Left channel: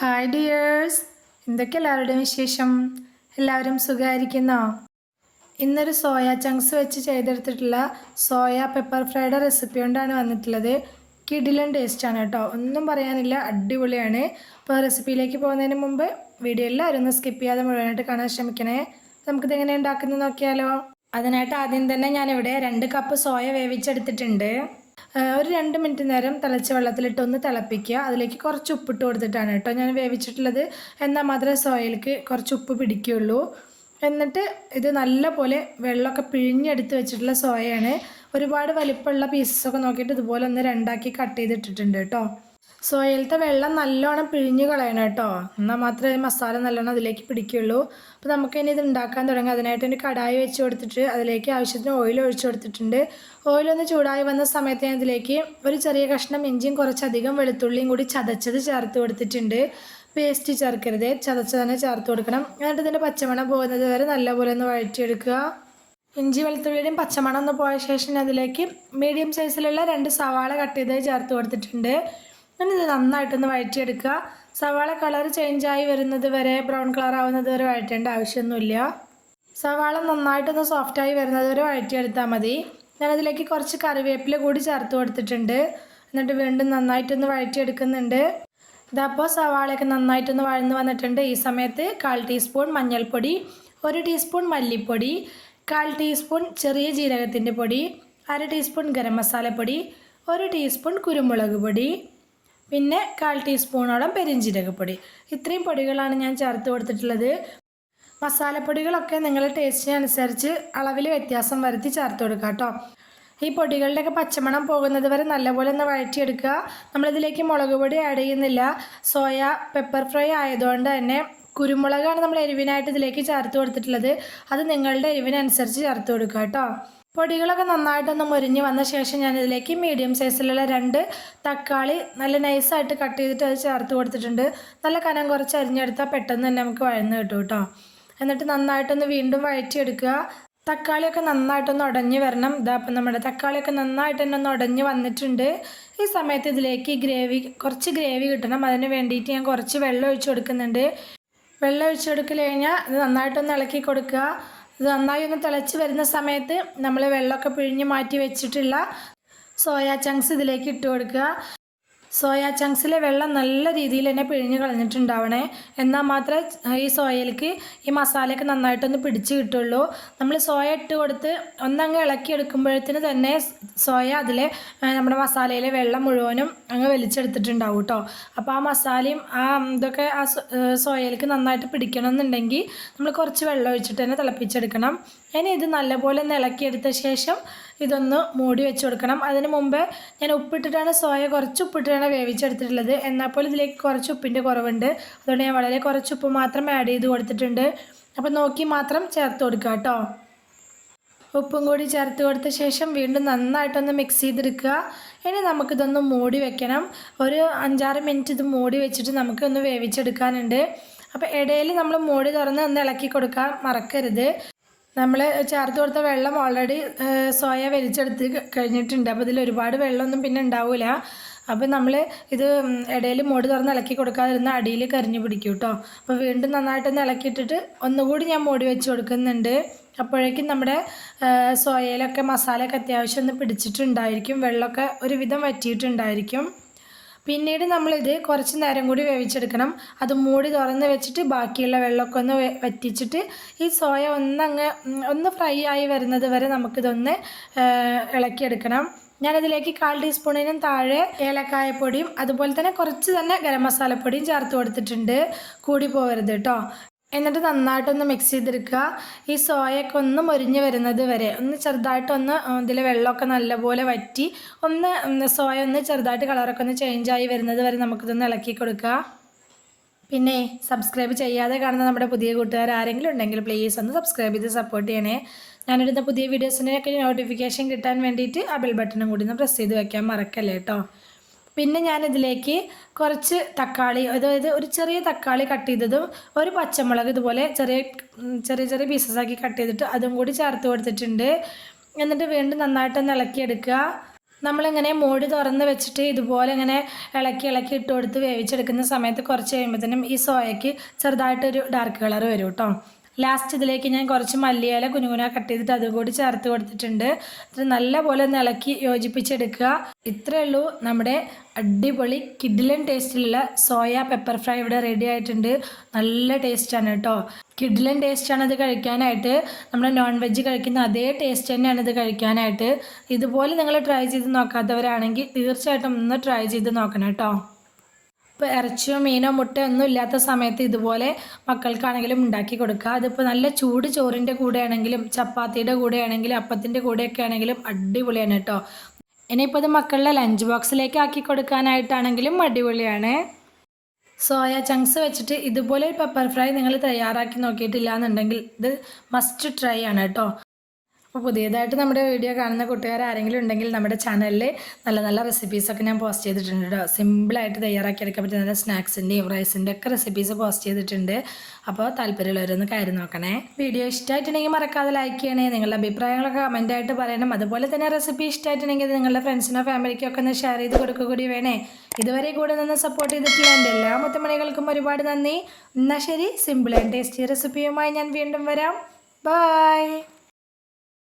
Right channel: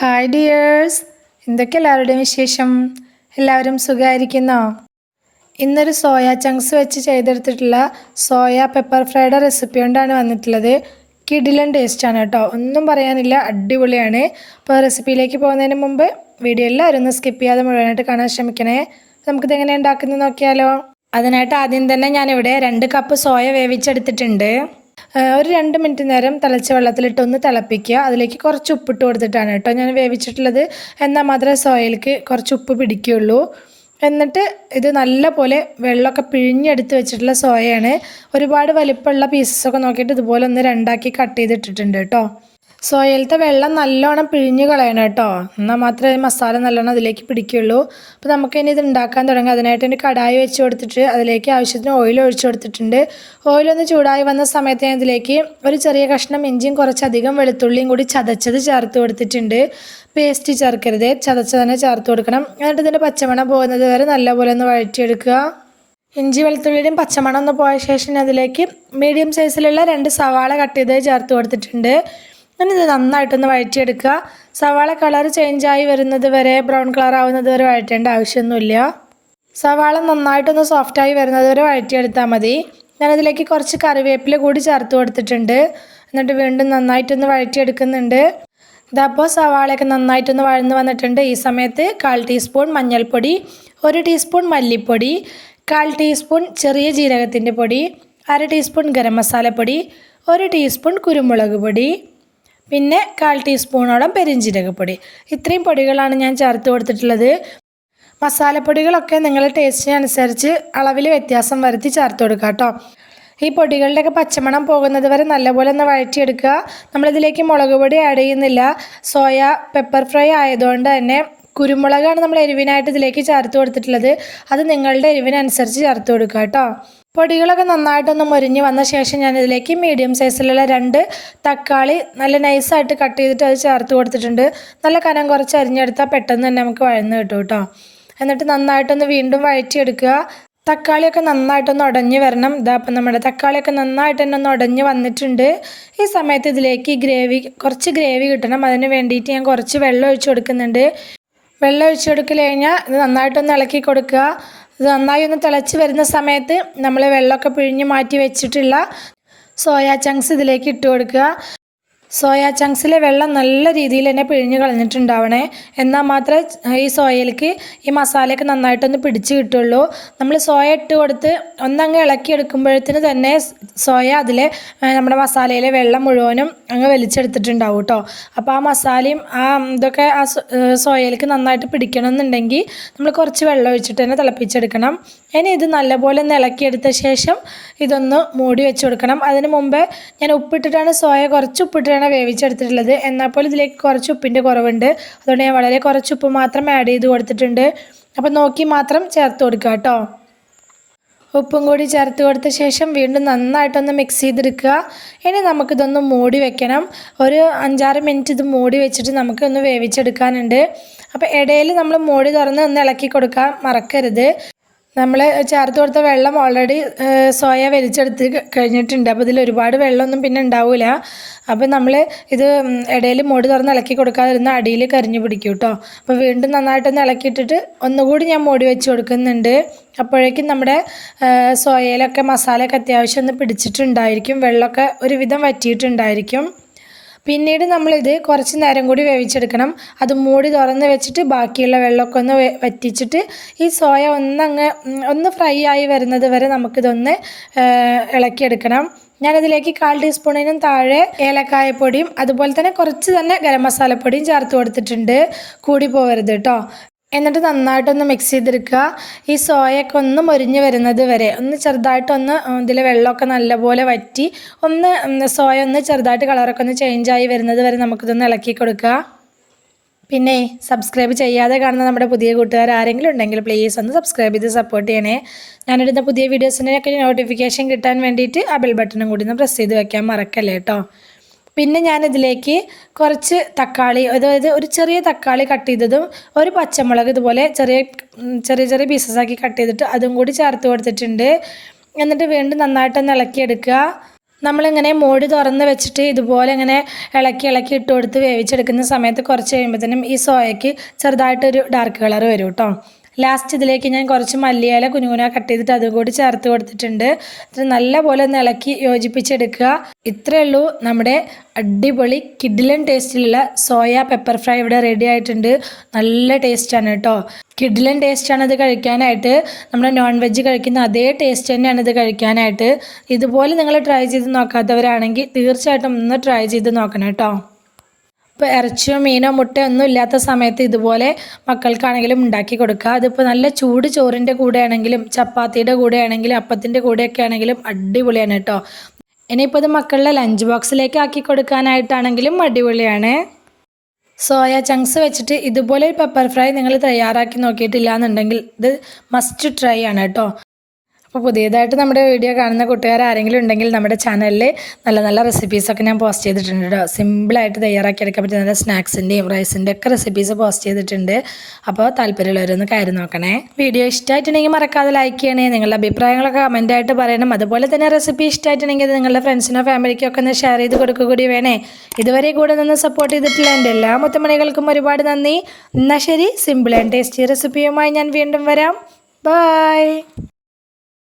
Hi dears, എന്തൊക്കെ എല്ലാവരുടെയും വിശേഷം? എല്ലാവരും സുഖമായിരിക്കുന്നോ? ഇന്നൊരു സോയ ചങ്ക്സ് വെച്ച് ചെയ്തെടുത്തിട്ടുള്ള സോയ പെപ്പർ ഫ്രൈഡ് റെസിപ്പി കൊണ്ടാണ് വന്നിട്ടുള്ളത്. കിടിലൻ ടേസ്റ്റാണ് കേട്ടോ, ഒന്നും പറയാനില്ല, അടിപൊളിയാണ്. അപ്പോൾ റെസിപ്പിയിലേക്ക് പോകുന്നതിന് മുമ്പ് വീഡിയോ എല്ലാവരും ഒന്ന് സ്കിപ്പ് ചെയ്യാതെ മുഴുവനായിട്ട് കാണാൻ ശ്രമിക്കണേ. നമുക്കിത് എങ്ങനെ ഉണ്ടാക്കുന്നത് നോക്കിയാലോ? അതിനായിട്ട് ആദ്യം തന്നെ ഞാനിവിടെ 2 കപ്പ് സോയ വേവിച്ചെടുത്തിട്ടുണ്ട്. ഒരു 2 മിനിറ്റ് നേരം തിളച്ച വെള്ളത്തിലിട്ട് ഒന്ന് തിളപ്പിക്കുക. അതിലേക്ക് കുറച്ച് ഉപ്പിട്ട് കൊടുത്തിട്ടാണ് കേട്ടോ ഞാൻ വേവിച്ചിട്ടുള്ളത്. എന്നാൽ മാത്രമേ സോയയിലേക്ക് കുറച്ച് ഉപ്പ് പിടിക്കുകയുള്ളൂ. എന്നിട്ട് ഇത് നല്ല പോലെ വെള്ളമൊക്കെ പിഴിഞ്ഞെടുത്ത് വെച്ചിട്ടുള്ള സോയയാണ്. ഒരുപാട് വലിപ്പമുള്ള പീസസൊക്കെ നോക്കിയിട്ട് ഇതുപോലെ ഒന്ന് 2ആക്കി കട്ട് ചെയ്തിട്ടിട്ടുണ്ട് കേട്ടോ. സോയയിലത്തെ വെള്ളം നല്ലോണം പിഴിഞ്ഞ് കളയണം കേട്ടോ, എന്നാൽ മാത്രമേ മസാല നല്ലോണം അതിലേക്ക് പിടിക്കുകയുള്ളൂ. അപ്പോൾ നമുക്കിനി ഇത് ഉണ്ടാക്കാൻ തുടങ്ങാം. അതിനായിട്ട് ഒരു കടായി വെച്ച് കൊടുത്തിട്ട് അതിലേക്ക് ആവശ്യത്തിന് ഓയിൽ ഒഴിച്ചു കൊടുത്തിട്ടുണ്ട്. ഓയിലൊന്ന് ചൂടായി വന്ന സമയത്ത് ഞാൻ ഇതിലേക്ക് ഒരു ചെറിയ കഷ്ണം ഇഞ്ചിയും കുറച്ചധികം വെളുത്തുള്ളിയും കൂടി ചതച്ചത് ചേർത്ത് കൊടുത്തിട്ടുണ്ട്. പേസ്റ്റ് ചേർക്കരുത്, ചതച്ച് തന്നെ ചേർത്ത് കൊടുക്കണം. എന്നിട്ട് ഇതിൻ്റെ പച്ചമണം പോകുന്നത് വരെ നല്ലപോലെ ഒന്ന് വഴറ്റിയെടുക്കുക. ഇഞ്ചി വെളുത്തുള്ളിയുടെയും പച്ചമണം ഒന്ന് പോയ ശേഷം അതിലേക്ക് മീഡിയം സൈസിലുള്ള 2 സവാള കട്ട് ചെയ്ത് ചേർത്ത് കൊടുത്തിട്ടുണ്ട്. ഇത് നന്നായിട്ടൊന്ന് വഴറ്റിയെടുക്കുക. സവാള കളർ ചേഞ്ചായി വരുന്നത് വരെ, ബ്രൗൺ കളർ ആവുന്നത് വരെ വഴറ്റേണ്ട ആവശ്യമൊന്നുമില്ല. സവാള നന്നായിട്ടൊന്ന് സോഫ്റ്റായി വരുന്നത് വരെ വഴറ്റിയെടുത്താൽ മതി. ഞാനതിലേക്ക് കുറച്ച് കറിവേപ്പില കൂടി ചേർത്ത് കൊടുത്തിട്ടുണ്ട്. എന്നിട്ട് വീണ്ടും നന്നായിട്ടൊന്ന് വഴറ്റിയെടുക്കുന്നുണ്ട്. ഇതപ്പോൾ സവാളയൊക്കെ നന്നായിട്ടൊന്ന് വഴന്ന് വന്നിട്ടുണ്ട്. ഈ സമയത്ത് 1/4 ടീസ്പൂൺ മഞ്ഞൾപ്പൊടി, 1 ടീസ്പൂൺ മല്ലിപ്പൊടി, 1/4 ടീസ്പൂൺ ചെറിയ ജീരകത്തിൻ്റെ പൊടി, 1/2 ടീസ്പൂൺ ഗരം മസാലപ്പൊടി, 1 ടീസ്പൂൺ കുരുമുളക് പൊടി, പിന്നെ 1/4 ടീസ്പൂണോളം പെരിഞ്ജീരകപ്പൊടി. ഇത്രയും പൊടികളാണ് ഞാൻ ചേർത്ത് കൊടുത്തിട്ടുള്ളത്. മസാലപ്പൊടികളൊക്കെ നിങ്ങളുടെ ടേസ്റ്റിനനുസരിച്ച് അളവിൽ വ്യത്യാസം വരുത്തി ചേർത്ത് കൊടുക്കുക കേട്ടോ. ഈ പൊടികളുടെയൊക്കെ പച്ചമണം പോകുന്നത് വരെ നല്ലപോലെ ഒന്ന് വഴറ്റിയെടുക്കുക. നമ്മളിതിലേക്ക് മുളക് പൊടി ആഡ് ചെയ്യുന്നില്ല. സോയ പെപ്പർ ഫ്രൈ ആയതുകൊണ്ട് തന്നെ കുരുമുളകാണ് നമ്മൾ എരിവിനായിട്ട് ഇതിലേക്ക് ചേർത്ത് കൊടുത്തിട്ടുള്ളത്. അത് നിങ്ങളുടെ എരിവിനനുസരിച്ച് ചേർത്ത് കൊടുക്കുക കേട്ടോ. പൊടികളൊക്കെ നന്നായിട്ടൊന്ന് മുരിഞ്ഞ് വന്ന ശേഷം ഞാനിതിലേക്ക് മീഡിയം സൈസിലുള്ള 2 തക്കാളി നല്ല നൈസായിട്ട് കട്ട് ചെയ്തിട്ട് അത് ചേർത്ത് കൊടുത്തിട്ടുണ്ട്. നല്ല കനം കുറച്ച് അരിഞ്ഞെടുത്താൽ പെട്ടെന്ന് തന്നെ നമുക്ക് വഴന്ന് കിട്ടും കേട്ടോ. എന്നിട്ട് നന്നായിട്ടൊന്ന് വീണ്ടും വഴറ്റിയെടുക്കുക. തക്കാളിയൊക്കെ നന്നായിട്ടൊന്ന് ഉടഞ്ഞ് വരണം. ഇതാപ്പം നമ്മുടെ തക്കാളിയൊക്കെ നന്നായിട്ട് തന്നെ ഒന്ന് ഉടഞ്ഞ് വന്നിട്ടുണ്ട്. ഈ സമയത്ത് ഇതിലേക്ക് കുറച്ച് ഗ്രേവി കിട്ടണം. അതിന് വേണ്ടിയിട്ട് ഞാൻ കുറച്ച് വെള്ളം ഒഴിച്ച് കൊടുക്കുന്നുണ്ട്. വെള്ളം ഒഴിച്ച് കൊടുക്കൽ കഴിഞ്ഞാൽ ഇത് നന്നായിട്ടൊന്ന് ഇളക്കി കൊടുക്കുക. ഇത് നന്നായി ഒന്ന് തിളച്ച് വരുന്ന സമയത്ത് നമ്മൾ വെള്ളമൊക്കെ പിഴിഞ്ഞ് മാറ്റി വെച്ചിട്ടുള്ള സോയ ചങ്ക്സ് ഇതിലേക്ക് ഇട്ട് കൊടുക്കുക. സോയ ചങ്ക്സിലെ വെള്ളം നല്ല രീതിയിൽ തന്നെ പിഴിഞ്ഞ് കളഞ്ഞിട്ടുണ്ടാവണേ, എന്നാൽ മാത്രമേ ഈ സോയയിലേക്ക് ഈ മസാലയൊക്കെ നന്നായിട്ടൊന്ന് പിടിച്ച് കിട്ടുള്ളൂ. നമ്മൾ സോയ ഇട്ട് കൊടുത്ത് ഒന്നങ്ങ് ഇളക്കിയെടുക്കുമ്പോഴത്തേന് തന്നെ സോയ അതിലെ നമ്മുടെ മസാലയിലെ വെള്ളം മുഴുവനും അങ്ങ് വലിച്ചെടുത്തിട്ടുണ്ടാവും കേട്ടോ. അപ്പോൾ ആ മസാലയും ഇതൊക്കെ ആ സോയയിലേക്ക് നന്നായിട്ട് പിടിക്കണമെന്നുണ്ടെങ്കിൽ നമ്മൾ കുറച്ച് വെള്ളം ഒഴിച്ചിട്ട് തന്നെ തിളപ്പിച്ചെടുക്കണം. ഇനി ഇത് നല്ലപോലെ ഒന്ന് ഇളക്കിയെടുത്ത ശേഷം ഇതൊന്ന് മൂടി വെച്ച് കൊടുക്കണം. അതിന് മുമ്പേ ഞാൻ ഉപ്പിട്ടിട്ടാണ് കുറച്ച് ഉപ്പിട്ടിട്ടാണ് വേവിച്ചെടുത്തിട്ടുള്ളത്. എന്നാൽ പോലും ഇതിലേക്ക് കുറച്ച് ഉപ്പിൻ്റെ കുറവുണ്ട്. അതുകൊണ്ട് ഞാൻ വളരെ കുറച്ച് ഉപ്പ് മാത്രം ആഡ് ചെയ്ത് കൊടുത്തിട്ടുണ്ട്. അപ്പോൾ നോക്കി മാത്രം ചേർത്ത് കൊടുക്കുക കേട്ടോ. ഉപ്പും കൂടി ചേർത്ത് കൊടുത്ത ശേഷം വീണ്ടും നന്നായിട്ടൊന്ന് മിക്സ് ചെയ്തെടുക്കുക. ഇനി നമുക്കിതൊന്ന് മൂടി വെക്കണം. ഒരു 5-6 മിനിറ്റ് ഇത് മൂടി വെച്ചിട്ട് നമുക്കൊന്ന് വേവിച്ചെടുക്കാനുണ്ട്. അപ്പോൾ ഇടയിൽ നമ്മൾ മൂടി തുറന്ന് ഒന്ന് ഇളക്കി കൊടുക്കാൻ മറക്കരുത്. നമ്മൾ ചേർത്ത് കൊടുത്ത വെള്ളം ഓൾറെഡി സോയ വലിച്ചെടുത്ത് കഴിഞ്ഞിട്ടുണ്ട്. അപ്പോൾ ഇതിൽ ഒരുപാട് വെള്ളമൊന്നും പിന്നെ ഉണ്ടാവില്ല. അപ്പോൾ നമ്മൾ ഇത് ഇടയിൽ മൂടി തുറന്ന് ഇളക്കി കൊടുക്കാതിരുന്ന അടിയിൽ കരിഞ്ഞു പിടിക്കും കേട്ടോ. അപ്പോൾ വീണ്ടും നന്നായിട്ടൊന്ന് ഇളക്കിയിട്ടിട്ട് ഒന്നുകൂടി ഞാൻ മൂടി വെച്ച് കൊടുക്കുന്നുണ്ട്. അപ്പോഴേക്കും നമ്മുടെ സോയയിലൊക്കെ മസാലയൊക്കെ അത്യാവശ്യം ഒന്ന് പിടിച്ചിട്ടുണ്ടായിരിക്കും, വെള്ളമൊക്കെ ഒരുവിധം വറ്റിയിട്ടുണ്ടായിരിക്കും. പിന്നീട് നമ്മളിത് കുറച്ച് നേരം കൂടി വേവിച്ചെടുക്കണം. അത് മൂടി തുറന്ന് വെച്ചിട്ട് ബാക്കിയുള്ള വെള്ളമൊക്കെ ഒന്ന് വറ്റിച്ചിട്ട് ഈ സോയ ഒന്ന് ഫ്രൈ ആയി വരുന്നത് വരെ നമുക്കിതൊന്ന് ഇളക്കിയെടുക്കണം. ഞാനതിലേക്ക് 1/4 ടീസ്പൂണിനും താഴെ ഏലക്കായപ്പൊടിയും അതുപോലെ തന്നെ കുറച്ച് തന്നെ ഗരം മസാലപ്പൊടിയും ചേർത്ത് കൊടുത്തിട്ടുണ്ട്. കൂടി പോകരുത് കേട്ടോ. എന്നിട്ട് നന്നായിട്ടൊന്ന് മിക്സ് ചെയ്തെടുക്കുക. ഈ സോയൊക്കെ ഒന്ന് മൊരിഞ്ഞ് വരുന്നത് വരെ ഒന്ന് ചെറുതായിട്ടൊന്ന് ഇതിലെ വെള്ളമൊക്കെ നല്ലപോലെ വറ്റി സോയ ഒന്ന് ചെറുതായിട്ട് കളറൊക്കെ ഒന്ന് ചേഞ്ചായി വരുന്നത് വരെ നമുക്കിതൊന്ന് ഇളക്കി കൊടുക്കുക. പിന്നെ സബ്സ്ക്രൈബ് ചെയ്യാതെ കാണുന്ന നമ്മുടെ പുതിയ കൂട്ടുകാർ ആരെങ്കിലും ഉണ്ടെങ്കിൽ പ്ലീസ് ഒന്ന് സബ്സ്ക്രൈബ് ചെയ്ത് സപ്പോർട്ട് ചെയ്യണേ. ഞാനിടുന്ന പുതിയ വീഡിയോസിനൊക്കെ നോട്ടിഫിക്കേഷൻ കിട്ടാൻ വേണ്ടിയിട്ട് ആ ബെൽ ബട്ടണും കൂടി ഒന്ന് പ്രസ് ചെയ്ത് വയ്ക്കാൻ മറക്കല്ലേ കേട്ടോ. പിന്നെ ഞാനിതിലേക്ക് കുറച്ച് തക്കാളി, അതായത് ഒരു ചെറിയ തക്കാളി കട്ട് ചെയ്തതും ഒരു പച്ചമുളക് ഇതുപോലെ ചെറിയ പീസസാക്കി കട്ട് ചെയ്തിട്ട് അതും കൂടി ചേർത്ത് കൊടുത്തിട്ടുണ്ട്. എന്നിട്ട് വീണ്ടും നന്നായിട്ടൊന്ന് ഇളക്കിയെടുക്കുക. നമ്മളിങ്ങനെ മൂടി തുറന്ന് വെച്ചിട്ട് ഇതുപോലെ ഇങ്ങനെ ഇളക്കി ഇളക്കി ഇട്ട് കൊടുത്ത് വേവിച്ചെടുക്കുന്ന സമയത്ത് കുറച്ച് കഴിയുമ്പോഴത്തേനും ഈ സോയയ്ക്ക് ചെറുതായിട്ടൊരു ഡാർക്ക് കളർ വരും കേട്ടോ. ലാസ്റ്റ് ഇതിലേക്ക് ഞാൻ കുറച്ച് മല്ലിയില കുനുകുന കട്ട് ചെയ്തിട്ട് അതും കൂടി ചേർത്ത് കൊടുത്തിട്ടുണ്ട്. ഇത് നല്ലപോലെ ഒന്ന് ഇളക്കി യോജിപ്പിച്ചെടുക്കുക. ഇത്രയേ ഉള്ളൂ, നമ്മുടെ അടിപൊളി കിഡിലൻ ടേസ്റ്റിലുള്ള സോയ പെപ്പർ ഫ്രൈ ഇവിടെ റെഡി ആയിട്ടുണ്ട്. നല്ല ടേസ്റ്റാണ് കേട്ടോ, കിഡിലൻ ടേസ്റ്റാണ് ഇത് കഴിക്കാനായിട്ട്. നമ്മുടെ നോൺ വെജ് കഴിക്കുന്ന അതേ ടേസ്റ്റ് തന്നെയാണ് ഇത് കഴിക്കാനായിട്ട്. ഇതുപോലെ നിങ്ങൾ ട്രൈ ചെയ്ത് നോക്കാത്തവരാണെങ്കിൽ തീർച്ചയായിട്ടും ഒന്ന് ട്രൈ ചെയ്ത് നോക്കണം കേട്ടോ. ഇപ്പോൾ ഇറച്ചിയോ മീനോ മുട്ടയോ ഒന്നും ഇല്ലാത്ത സമയത്ത് ഇതുപോലെ മക്കൾക്കാണെങ്കിലും ഉണ്ടാക്കി കൊടുക്കുക. അതിപ്പോൾ നല്ല ചൂട് ചോറിൻ്റെ കൂടെ ആണെങ്കിലും ചപ്പാത്തിയുടെ കൂടെ ആണെങ്കിലും അപ്പത്തിൻ്റെ കൂടെയൊക്കെ ആണെങ്കിലും അടിപൊളിയാണ് കേട്ടോ. ഇനിയിപ്പോൾ ഇത് മക്കളുടെ ലഞ്ച് ബോക്സിലേക്ക് ആക്കി കൊടുക്കാനായിട്ടാണെങ്കിലും അടിപൊളിയാണ്. സോയ ചങ്ക്സ് വെച്ചിട്ട് ഇതുപോലെ ഒരു പെപ്പർ ഫ്രൈ നിങ്ങൾ തയ്യാറാക്കി നോക്കിയിട്ടില്ല എന്നുണ്ടെങ്കിൽ ഇത് മസ്റ്റ് ട്രൈ ആണ് കേട്ടോ. അപ്പോൾ പുതിയതായിട്ട് നമ്മുടെ വീഡിയോ കാണുന്ന കൂട്ടുകാർ ആരെങ്കിലും ഉണ്ടെങ്കിൽ നമ്മുടെ ചാനലിൽ നല്ല നല്ല റെസിപ്പീസൊക്കെ ഞാൻ പോസ്റ്റ് ചെയ്തിട്ടുണ്ട് കേട്ടോ. സിമ്പിളായിട്ട് തയ്യാറാക്കിയെടുക്കാൻ പറ്റിയ നല്ല സ്നാക്സിൻ്റെയും റൈസിൻ്റെ ഒക്കെ റെസിപ്പീസ് പോസ്റ്റ് ചെയ്തിട്ടുണ്ട്. അപ്പോൾ താല്പര്യമുള്ളവരൊന്ന് കയറി നോക്കണേ. വീഡിയോ ഇഷ്ടമായിട്ടുണ്ടെങ്കിൽ മറക്കാതെ ലൈക്ക് ചെയ്യണേ. നിങ്ങളുടെ അഭിപ്രായങ്ങളൊക്കെ കമൻറ്റായിട്ട് പറയണം. അതുപോലെ തന്നെ റെസിപ്പി ഇഷ്ടമായിട്ടുണ്ടെങ്കിൽ നിങ്ങളുടെ ഫ്രണ്ട്സിനോ ഫാമിലിക്കോ ഒക്കെ ഒന്ന് ഷെയർ ചെയ്ത് കൊടുക്കുക കൂടി വേണേ. ഇതുവരെ കൂടെ നിന്ന് സപ്പോർട്ട് ചെയ്തിട്ടുള്ള എൻ്റെ എല്ലാ മുത്തമണികൾക്കും ഒരുപാട് നന്ദി. എന്നാൽ ശരി, സിമ്പിൾ ആൻഡ് ടേസ്റ്റി റെസിപ്പിയുമായി ഞാൻ വീണ്ടും വരാം. ബൈ.